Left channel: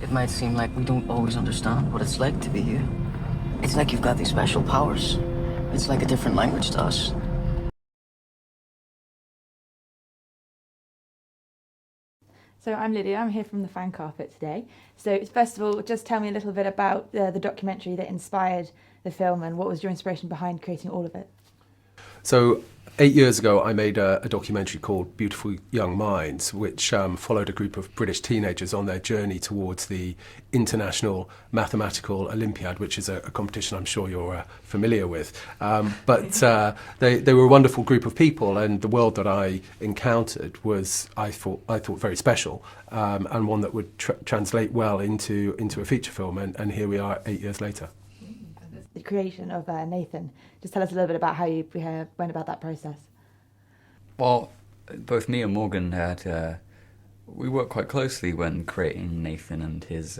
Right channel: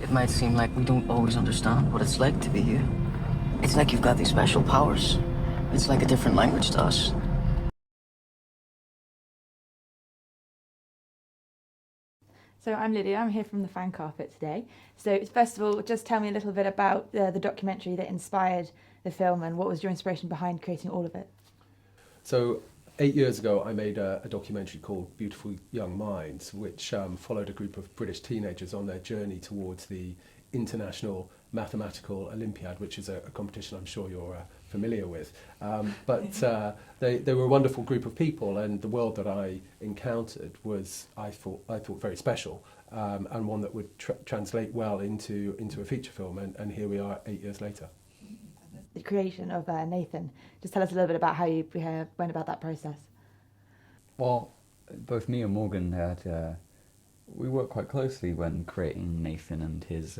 It might seem like we don't always understand what it's like to be you. It's like you've got these special powers. It's like a different language to us. So I'm Lydia, I'm here from the fan carpet today. So first of all, just tell me a little bit about the documentary that inspired the film and what was your inspiration behind creating all of it? So 8 years ago, I made a documentary called Beautiful Young Minds, which followed a group of British teenagers on their journey towards the International Mathematical Olympiad, which is a competition I'm sure you're familiar with. But they were a wonderful group of people, and the world that I encountered was, I thought very special, and one that would translate well into a feature film. And here we are 8 years later. The creation of Nathan. Just tell us a little bit about how you went about that process. Well, both me and Morgan we worked quite closely when creating Nathan and his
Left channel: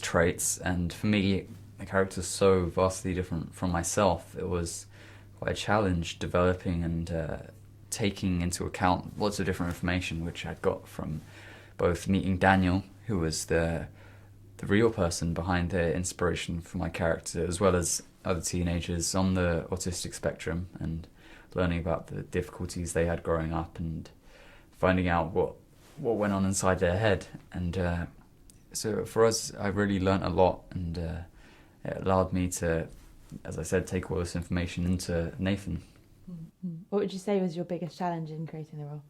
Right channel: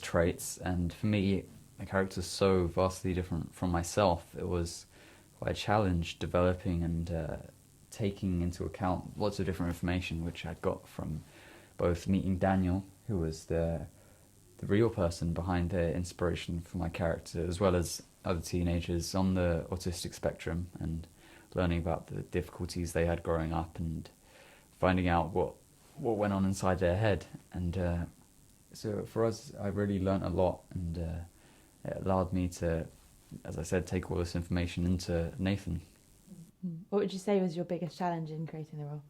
traits. And for me, the character's so vastly different from myself. It was quite a challenge developing and taking into account lots of different information which I'd got from both meeting Daniel, who was the real person behind the inspiration for my character, as well as other teenagers on the autistic spectrum, and learning about the difficulties they had growing up and finding out what went on inside their head. And so for us, I really learnt a lot, and it allowed me to, as I said, take all this information into Nathan. What would you say was your biggest challenge in creating the role?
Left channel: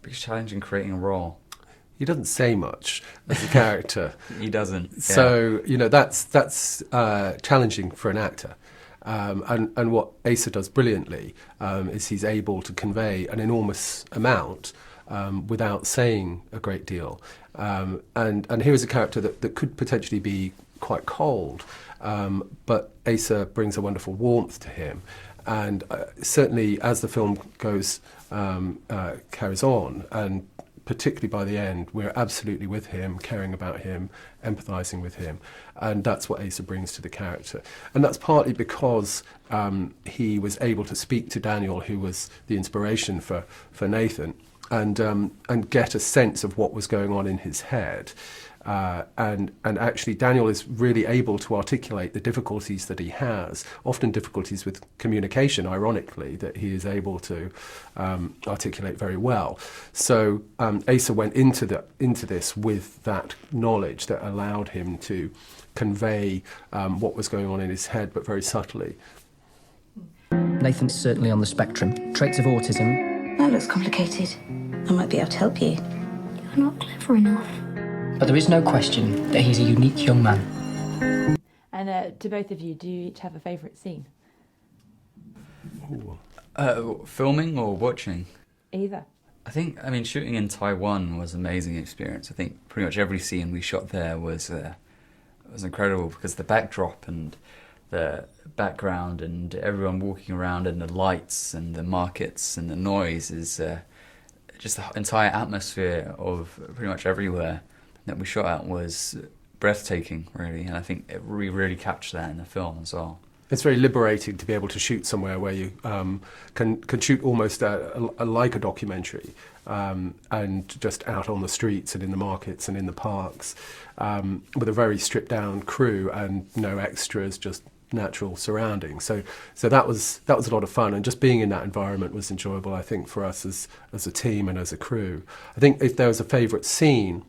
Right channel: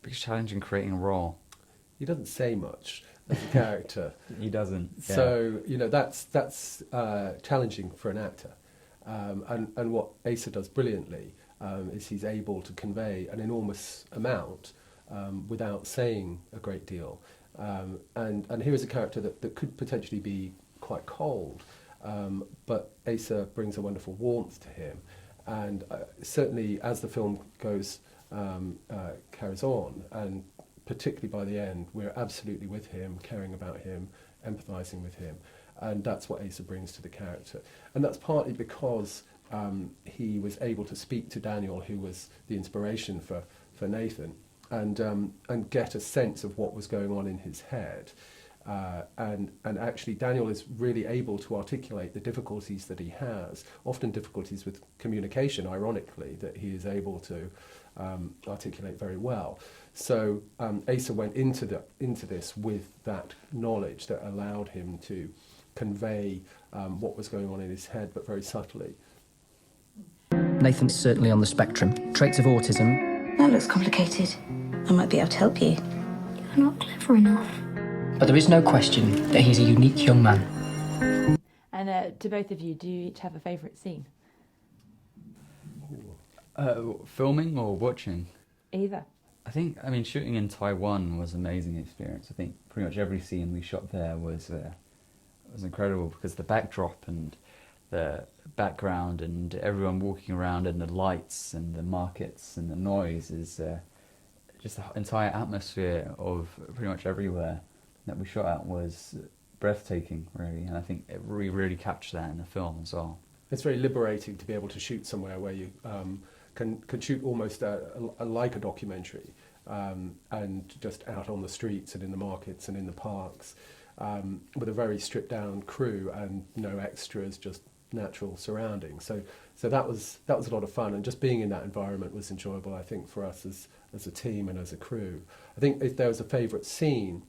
Biggest challenge in creating a role? He doesn't say much as a character. He doesn't. Yeah. So, that's challenging for an actor. And what Asa does brilliantly is he's able to convey an enormous amount without saying a great deal. And here is a character that could potentially be quite cold, but Asa brings a wonderful warmth to him. And certainly as the film carries on, and particularly by the end, we're absolutely with him, caring about him, empathising with him. And that's what Asa brings to the character. And that's partly because he was able to speak to Daniel, who was the inspiration for Nathan, and get a sense of what was going on in his head. And actually Daniel is really able to articulate the difficulties that he has, often difficulties with communication, ironically, that he is able to articulate very well. So Asa went into this with that knowledge that allowed him to convey what was going on in his head, but very subtly. Nathan's certainly on the spectrum. Traits of autism. That looks complicated. I might be able to help you. You're not clever enough. But there is no question that he's a unique young man. And to both of you, do you each have a favourite scene? Filming or watching? Either. I think, shooting in Taiwan was an amazing experience. I think pretty much every scene we shot there was incredible, because the backdrop and the background and everyone walking around and the lights and the markets and the noise is just the entire atmosphere of pretty much everywhere that we shot at was breathtaking, really, and I think we really captured that in the film as well. It's very liberating to be able to shoot somewhere where you can shoot almost like a documentary, and just out on the streets and in the markets and in the parks, with a very stripped down crew and no extras, just natural surroundings. So that was a lot of fun, and just being in that environment was enjoyable, I think, for us as a team and as a crew. I think if there was a favourite scene,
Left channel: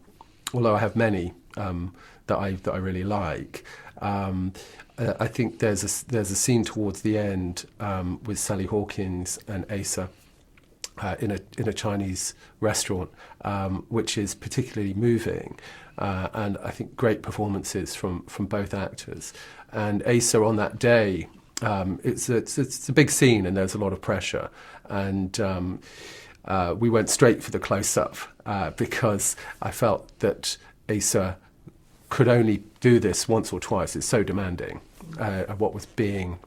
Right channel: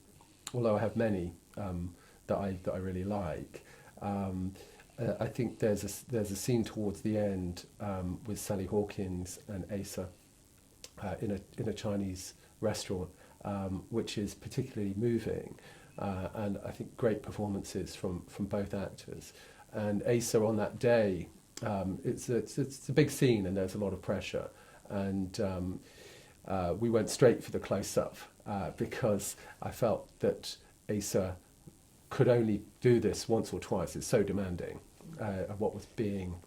although I have many that I really like, I think there's a scene towards the end with Sally Hawkins and Asa in a Chinese restaurant, which is particularly moving, and I think great performances from both actors. And Asa on that day, it's a big scene and there's a lot of pressure, and we went straight for the close-up because I felt that Asa could only do this once or twice. It's so demanding of what was being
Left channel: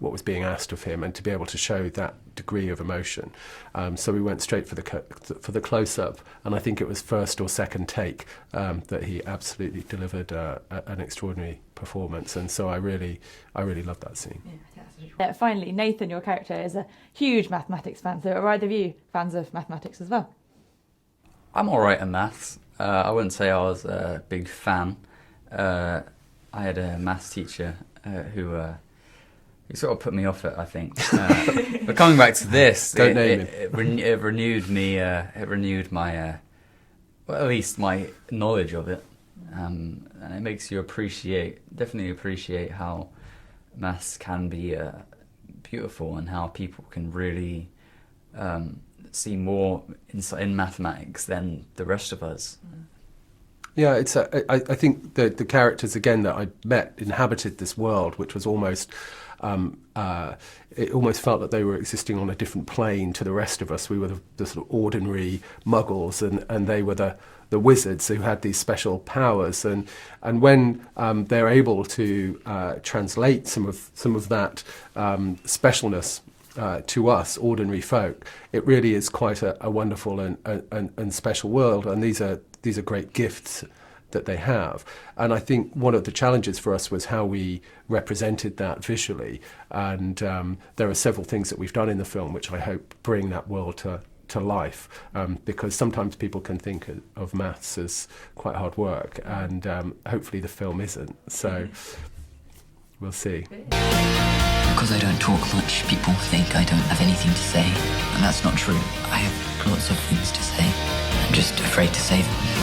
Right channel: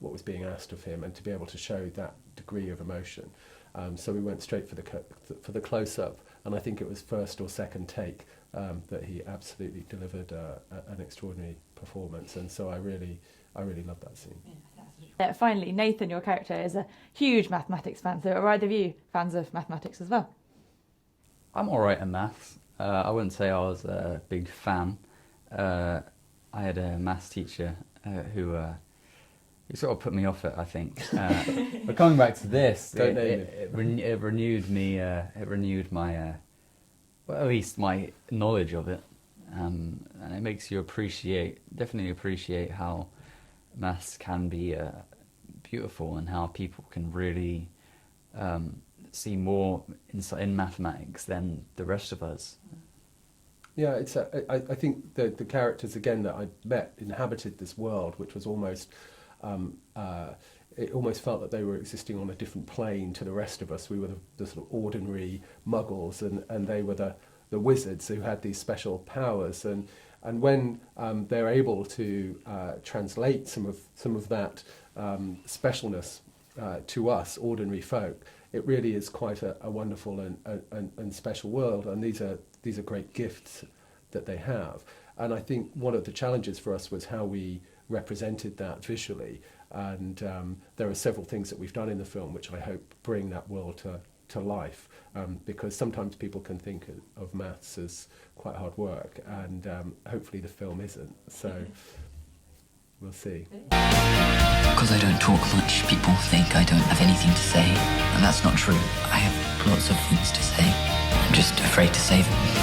asked of him, and to be able to show that degree of emotion. So we went straight for the close-up, and I think it was first or second take that he absolutely delivered an extraordinary performance, and so I really loved that scene. Finally, Nathan, your character, is a huge mathematics fan, so are either of you fans of mathematics as well? I'm all right in maths. I wouldn't say I was a big fan. I had a maths teacher who sort of put me off it, I think. But coming back to this, it renewed me. It renewed my, well, at least my knowledge of it. And it makes you definitely appreciate how maths can be beautiful and how people can really see more in mathematics than the rest of us. Yeah, I think the characters, again, that I met inhabited this world, which was almost, it almost felt that they were existing on a different plane to the rest of us. We were the sort of ordinary muggles, and they were the wizards who had these special powers. And when they're able to translate some of that specialness to us, ordinary folk, it really is quite a wonderful and special world. And these are great gifts that they have. And I think one of the challenges for us was how we represented that visually. And there are several things that we've done in the film which I hope bring that world to life, because sometimes people can think of maths as quite hard work, and hopefully the film isn't. So we'll see. Because I don't talk much, people think I don't have anything to say. And that's not true. I have lots of things to say. I'm just afraid to say them.